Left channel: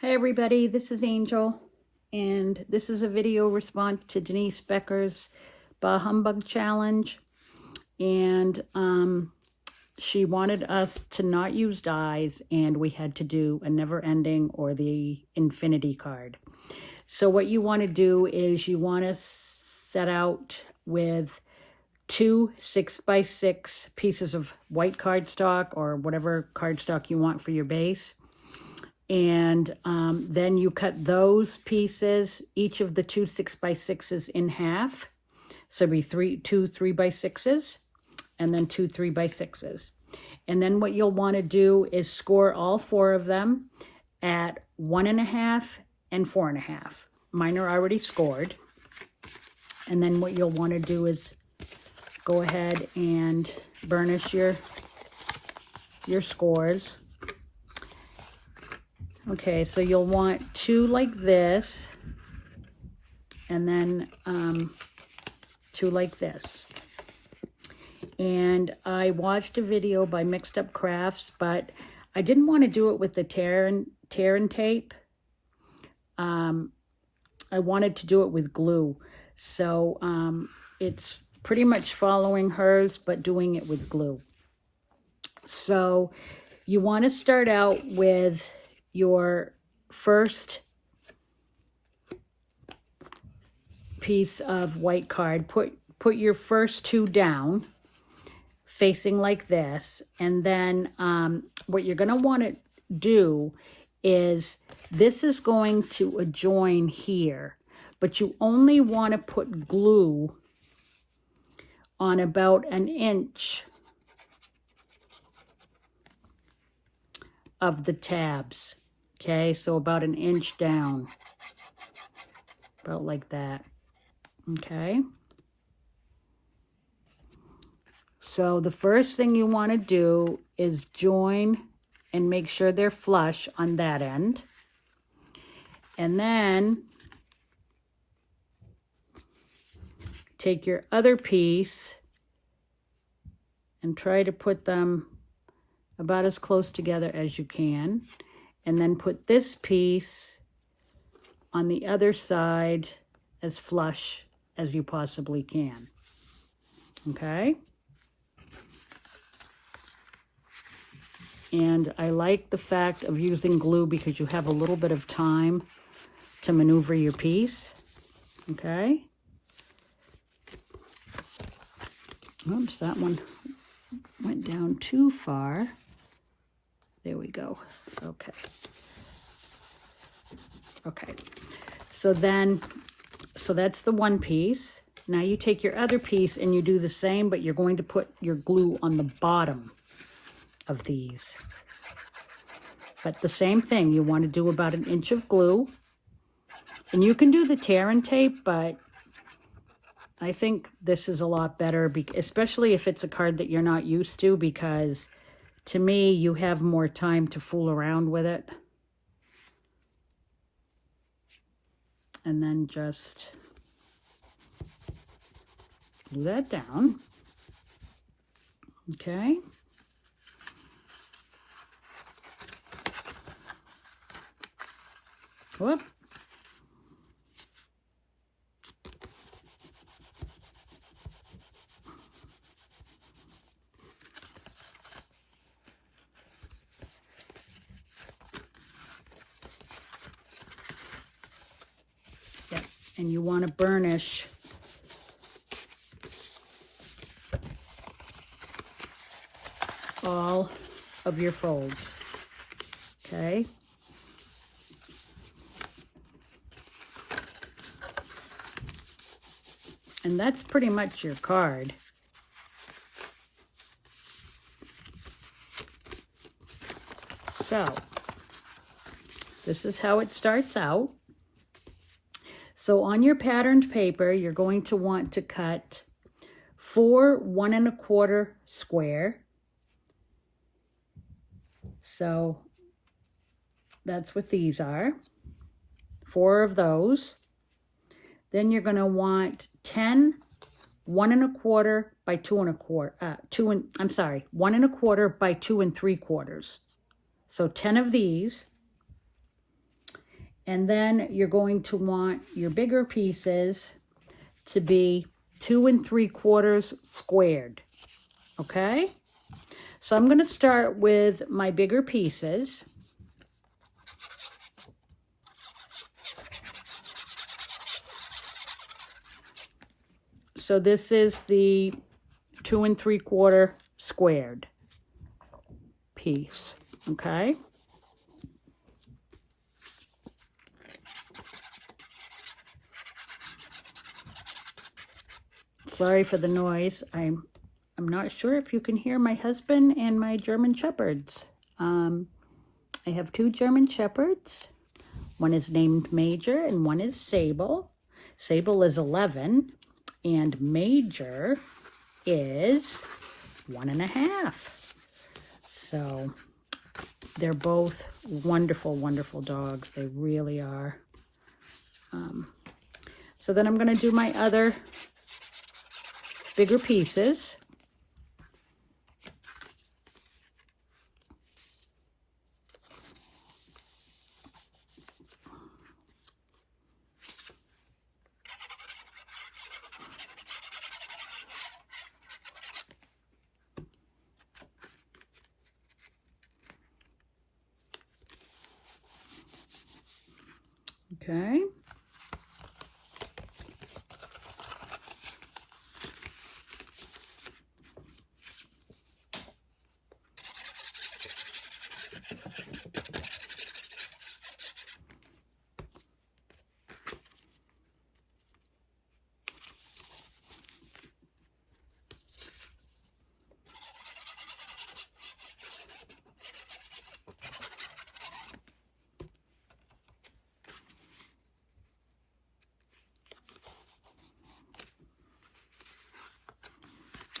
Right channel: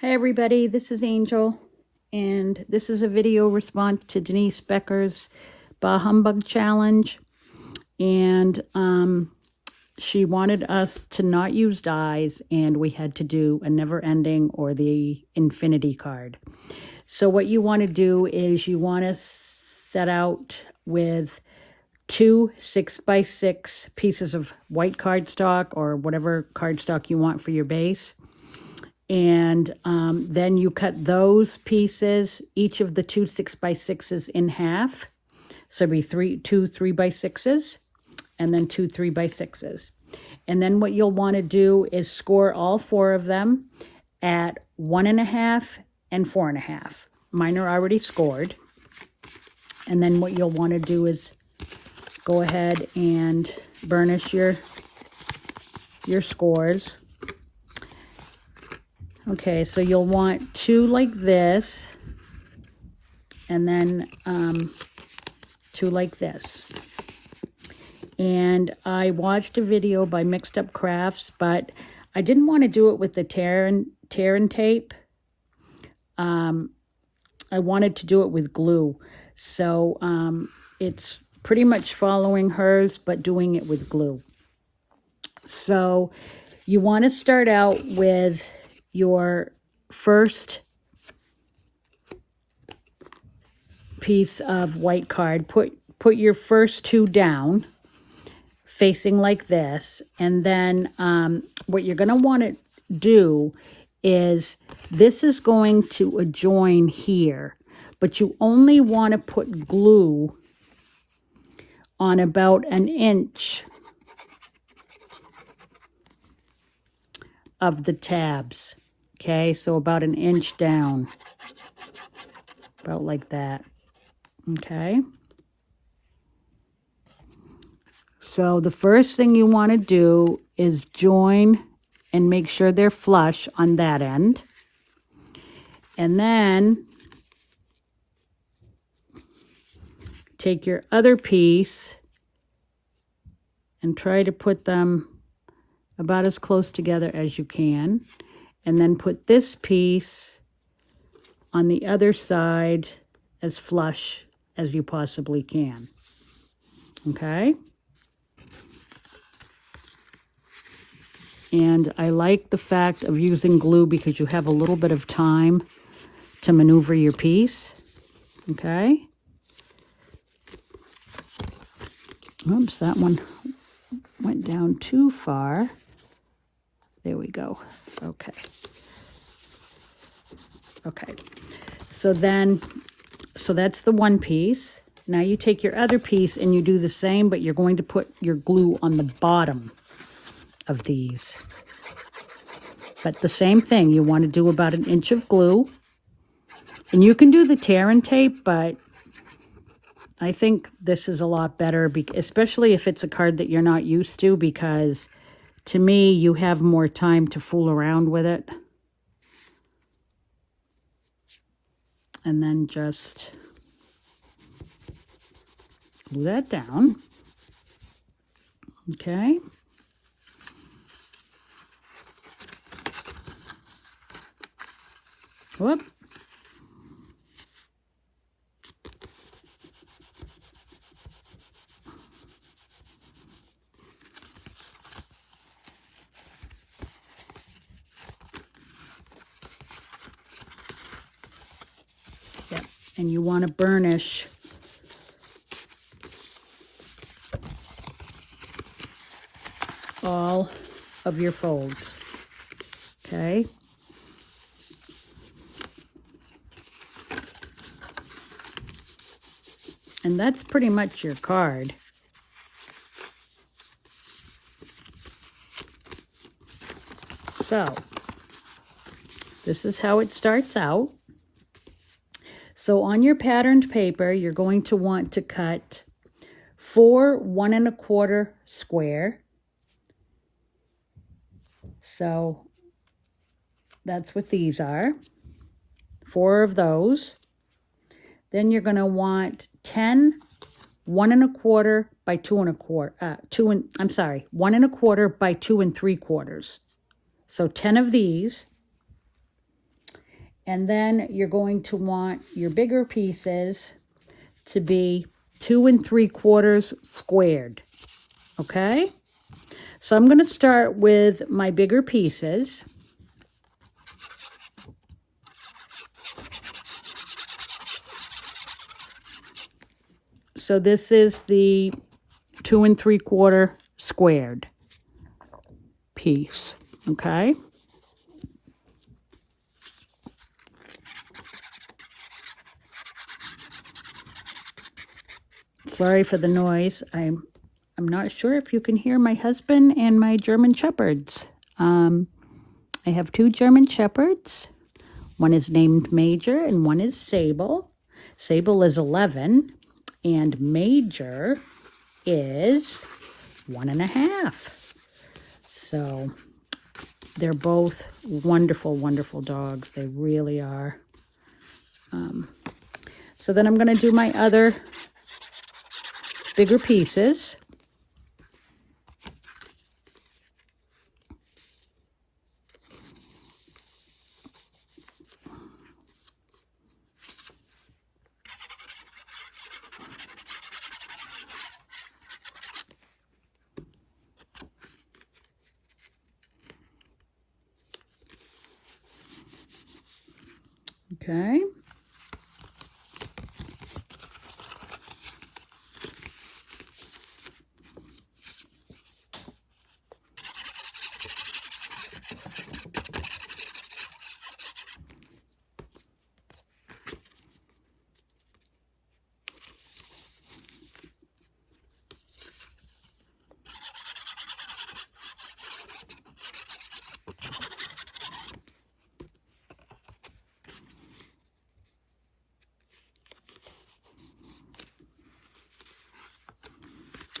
Hey everybody, this is Angel, and this is a video response to Denise Becker's Bah Humbug Challenge. And she wanted us to not use dies, and we had to do a never ending or the infinity card. So what you want to do is you want to set out with 2 6x6 pieces of white cardstock or whatever cardstock you want for your base. And then you cut those pieces, each of the 2 6x6s in half. So it'll be two 3x6s and then 2 3x6s. And then what you'll want to do is score all 4 of them at 1.5 and 4.5. Mine are already scored. And then what you'll want to do is go ahead and burnish your scores. Okay, so you'll want 2 like this, and then 2 like this. And I watched a video by Mixed Up Crafts, but I didn't want to do it with the tear and tape. I wanted to do it with glue. So it's pretty much following hers, but doing it with glue. So you want to start out with your first piece of white card. Put your first 2 down facing like this, and then what you're going to want to do is this is going to adjoin here, but you only want to put glue on about 1 inch of the tabs. Okay, so about 1 inch down, about like that. Okay, so the first thing you want to do is join and make sure they're flush on that end, and then take your other piece and try to put them about as close together as you can, and then put this piece on the other side as flush as you possibly can. Okay? And I like the fact of using glue because you have a little bit of time to maneuver your piece. Okay? Oops, that one went down too far. There we go. Okay. Okay. So that's the one piece. Now you take your other piece and you do the same, but you're going to put your glue on the bottom of these. But the same thing, you want to do about 1 inch of glue. And you can do the tear and tape, but I think this is a lot better, especially if it's a card that you're not used to, because to me, you have more time to fool around with it. And then just glue that down. Okay. Whoop. And you want to burnish all of your folds. Okay. And that's pretty much your card. So this is how it starts out. So on your patterned paper, you're going to want to cut 4 1 1/4 square. So that's what these are, 4 of those. Then you're going to want 10 1 1/4 by 2 1/4. 1 1/4 by 2 3/4. So 10 of these. And then you're going to want your bigger pieces to be 2 3/4 squared. Okay? So I'm going to start with my bigger pieces. So this is the 2 3/4 squared piece, okay? Sorry for the noise. I'm not sure if you can hear my husband and my German Shepherds. I have 2 German Shepherds. One is named Major and one is Sable. Sable is 11 and Major is 1.5. So they're both wonderful, wonderful dogs. They really are. So then I'm going to do my other bigger pieces. Okay.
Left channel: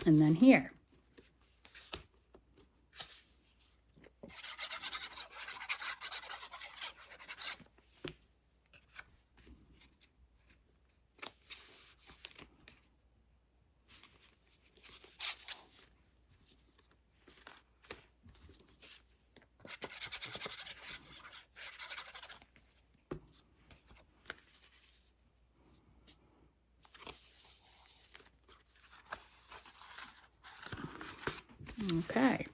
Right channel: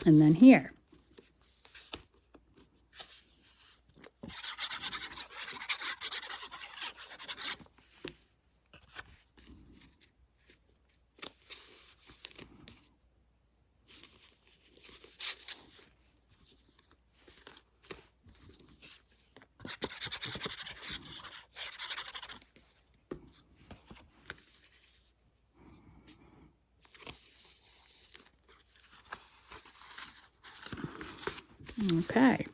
And then here. Okay,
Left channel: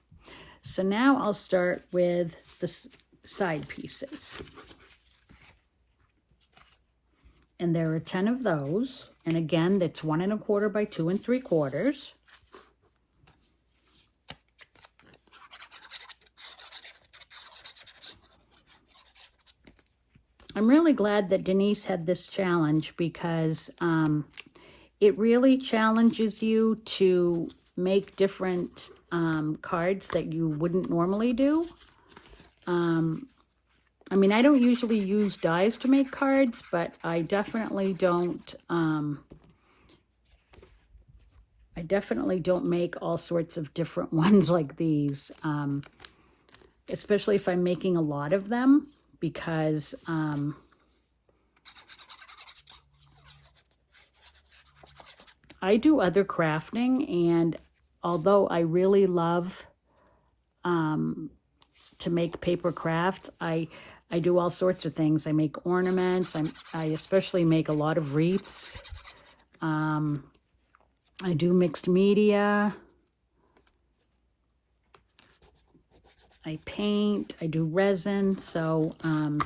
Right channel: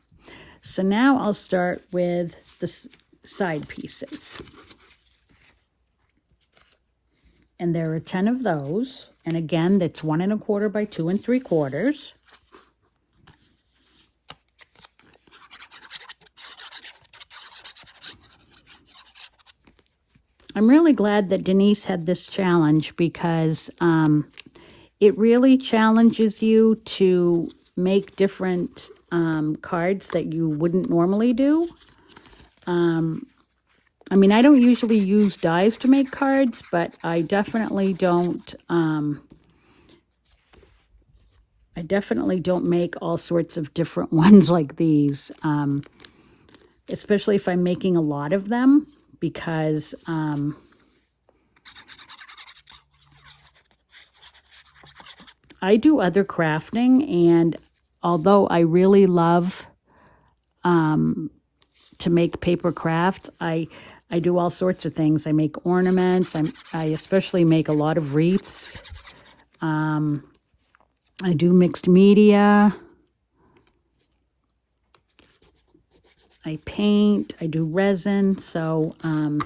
so now I'll start with the side pieces. And there are 10 of those. And again, that's 1 1/4 by 2 3/4. I'm really glad that Denise had this challenge because it really challenges you to make different cards that you wouldn't normally do. I mean, I don't usually use dies to make cards, but I definitely don't make all sorts of different ones like these, especially if I'm making a lot of them, because I do other crafting, and although I really love to make paper crafts, I do all sorts of things. I make ornaments. I especially make a lot of wreaths. I do mixed media. I paint. I do resin. So I'm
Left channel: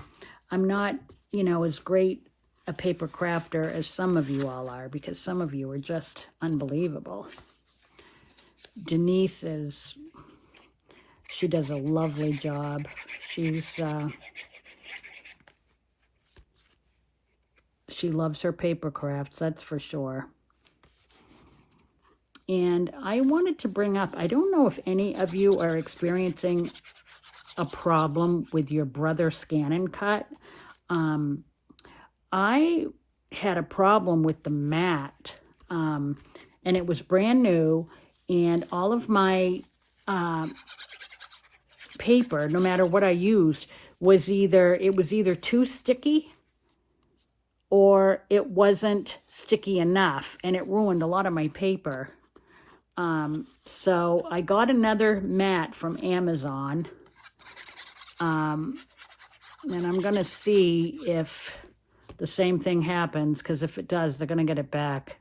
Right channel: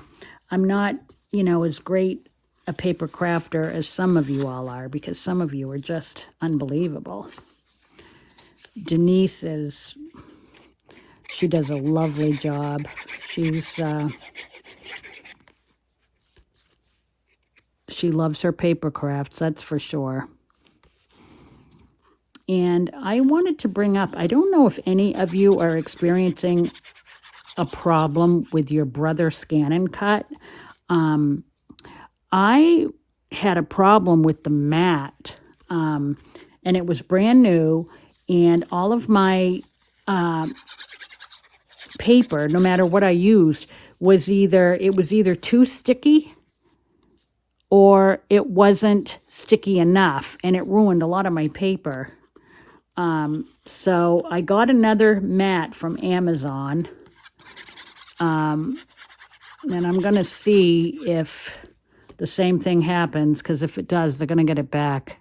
not, as great a paper crafter as some of you all are, because some of you are just unbelievable. Denise she does a lovely job. She loves her paper crafts, that's for sure. And I wanted to bring up, I don't know if any of you are experiencing a problem with your Brother Scan and Cut. I had a problem with the mat, and it was brand new, and all of my paper, no matter what I used, was either too sticky or it wasn't sticky enough, and it ruined a lot of my paper. So I got another mat from Amazon. And I'm going to see if the same thing happens, because if it does, they're going to get it back.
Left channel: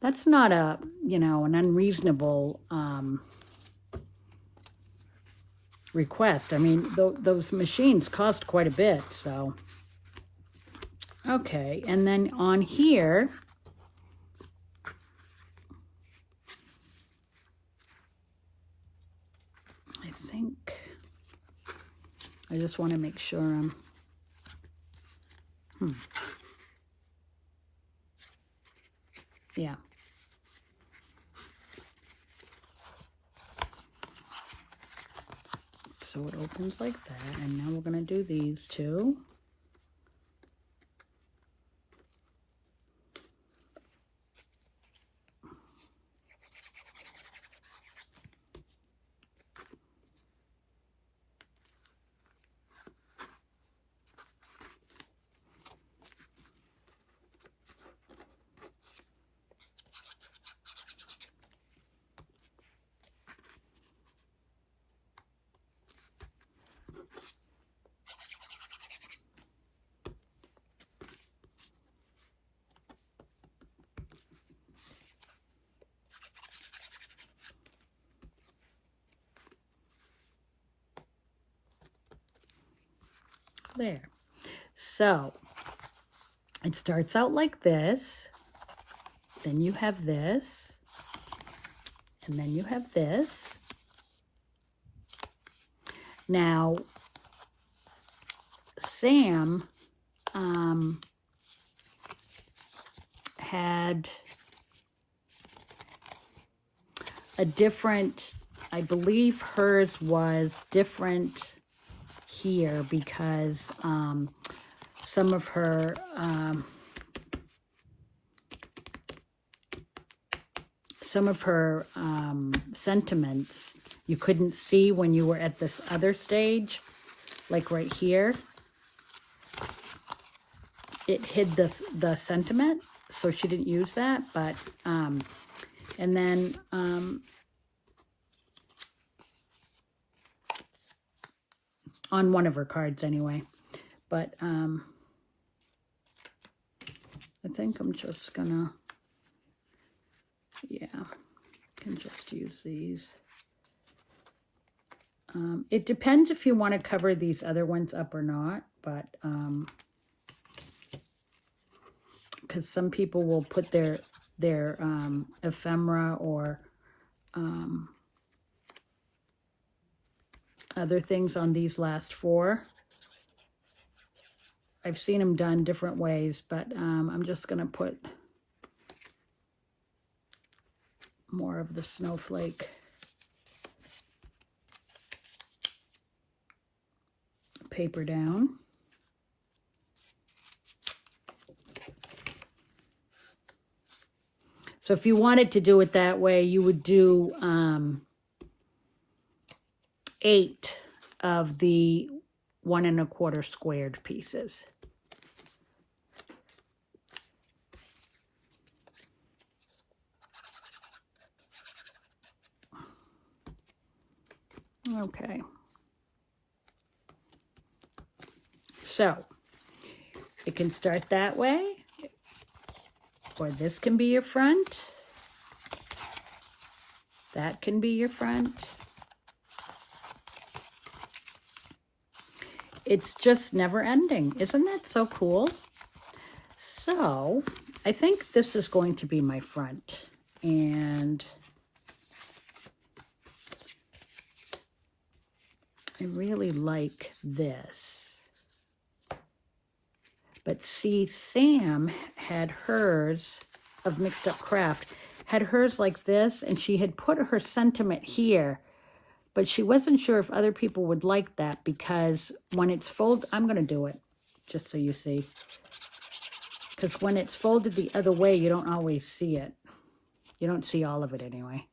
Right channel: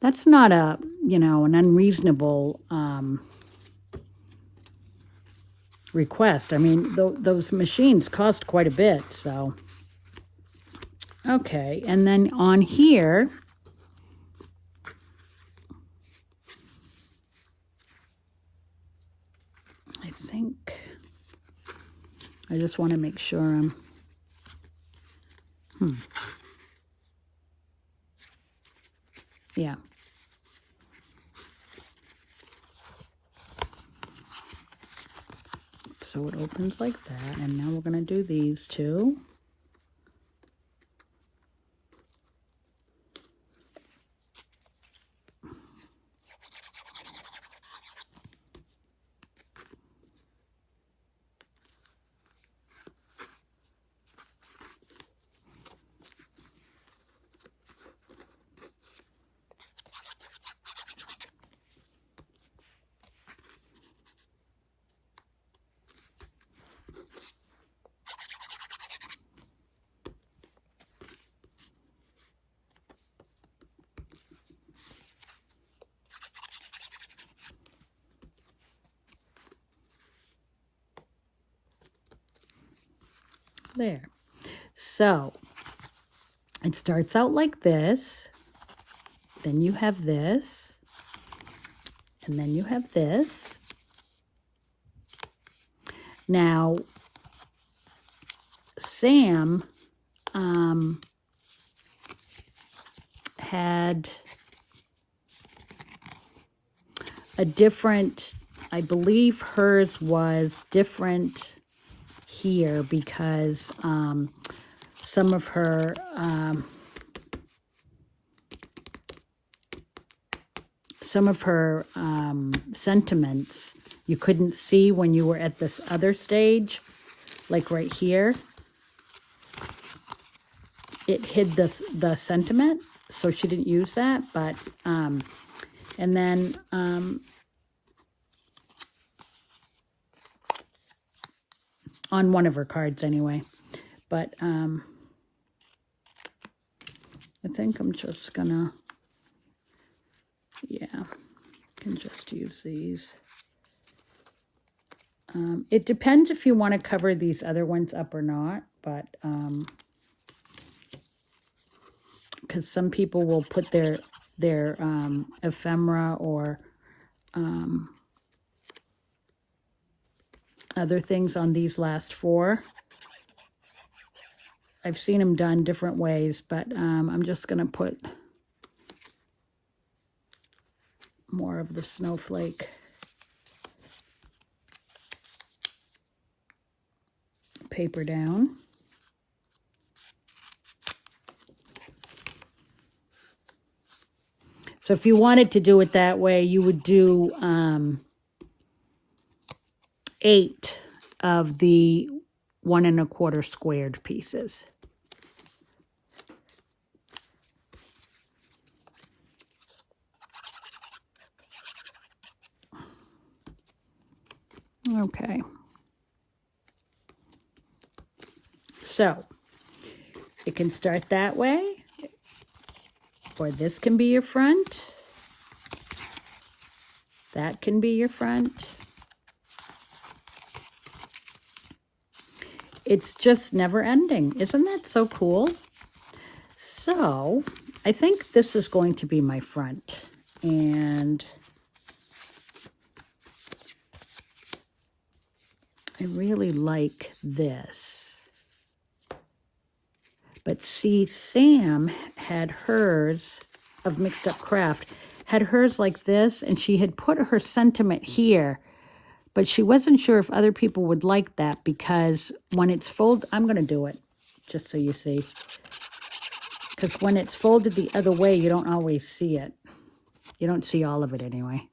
That's not a, you know, an unreasonable request. I mean, those machines cost quite a bit, so. Okay, and then on here, I think, I just want to make sure I'm, yeah. So it opens like that, and now we're going to do these two. There. So it starts out like this, then you have this, and then you have this. Now, Sam had a different, I believe hers was different here because some of her sentiments you couldn't see when you were at this other stage, like right here. It hid the sentiment, so she didn't use that, but and then on one of her cards anyway. But I think I'm just gonna, yeah, I can just use these. It depends if you want to cover these other ones up or not, but because some people will put their ephemera or other things on these last four. I've seen them done different ways, but I'm just going to put more of the snowflake paper down. So if you wanted to do it that way, you would do 8 of the 1 1/4 squared pieces. Okay. So it can start that way, or this can be your front. That can be your front. It's just never ending. Isn't that so cool? So I think this is going to be my front. And I really like this. But see, Sam had hers of Mixed Up Craft, had hers like this, and she had put her sentiment here, but she wasn't sure if other people would like that because when it's folded, I'm going to do it just so you see, because when it's folded the other way, you don't always see it. You don't see all of it anyway.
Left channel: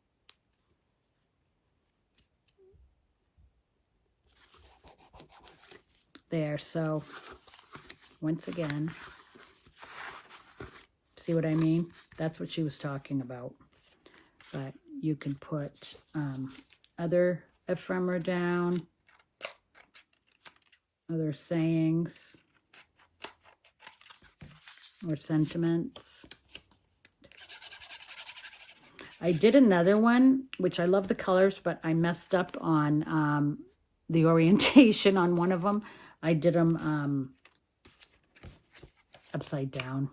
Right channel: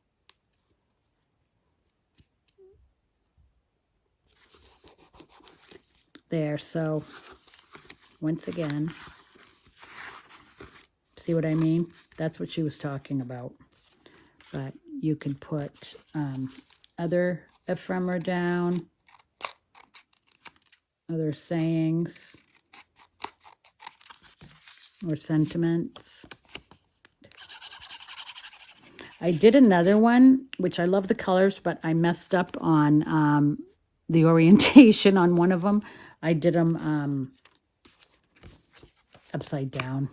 There, so once again, see what I mean? That's what she was talking about. But you can put other ephemera down. other sayings or sentiments. I did another one, which I love the colors, but I messed up on the orientation on one of them. I did them upside down.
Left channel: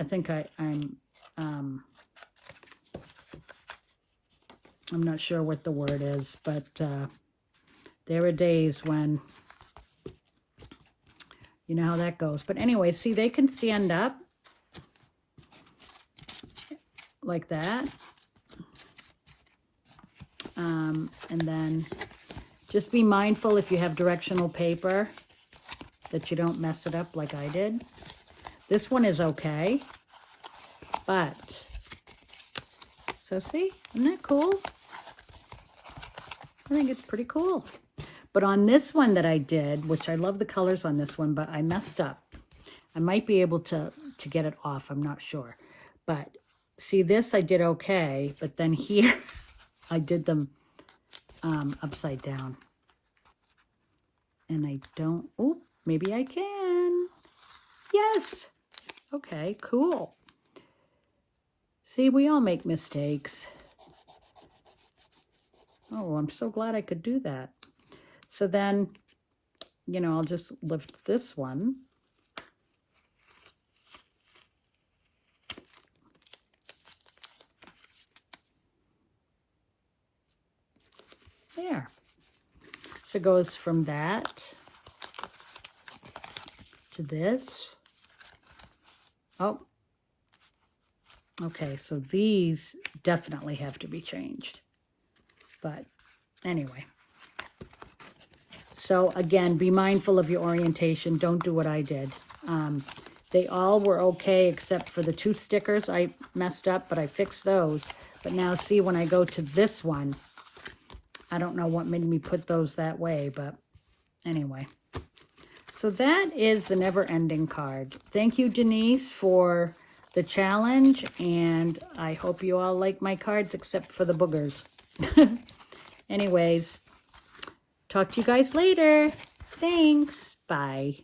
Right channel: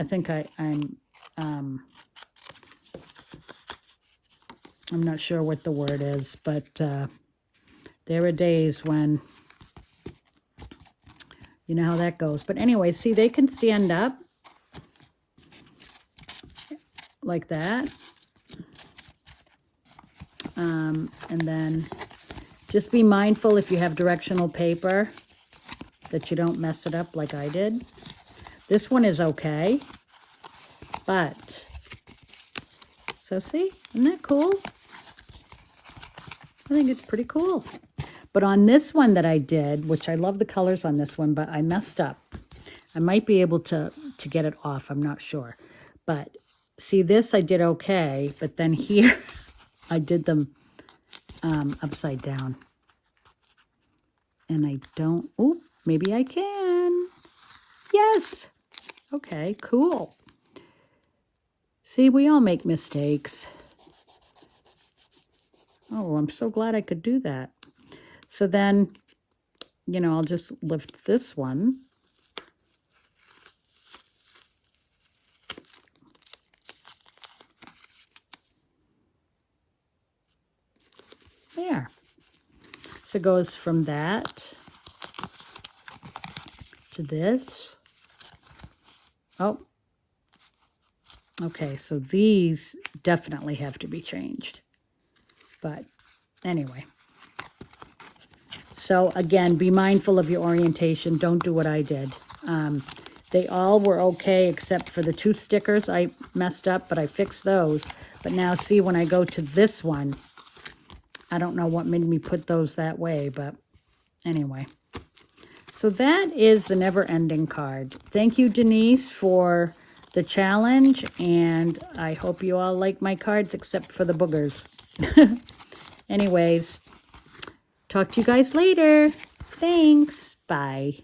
I think I'm not sure what the word is, but there are days when, you know how that goes. But anyway, see, they can stand up like that. And then just be mindful if you have directional paper that you don't mess it up like I did. This one is okay, but, so see, isn't that cool? I think it's pretty cool. But on this one that I did, which I love the colors on this one, but I messed up. I might be able to get it off, I'm not sure. But see, this I did okay, but then here I did them upside down. And I don't, oh, maybe I can. Yes. Okay, cool. See, we all make mistakes. Oh, I'm so glad I could do that. So then, you know, I'll just lift this one. There. So it goes from that to this. Oh. Okay, so these definitely have to be changed. But anyway. So again, be mindful of your orientation. Don't do what I did. They all were okay except for the two stickers. I messed up, but I fixed those. But now see, when I go to this one, I don't know what made me put those that way, but anyway. So that is the never-ending card. Thank you, Denise, for the challenge, and I hope you all like my cards except for the boogers. Anyways, talk to you guys later. Thanks. Bye.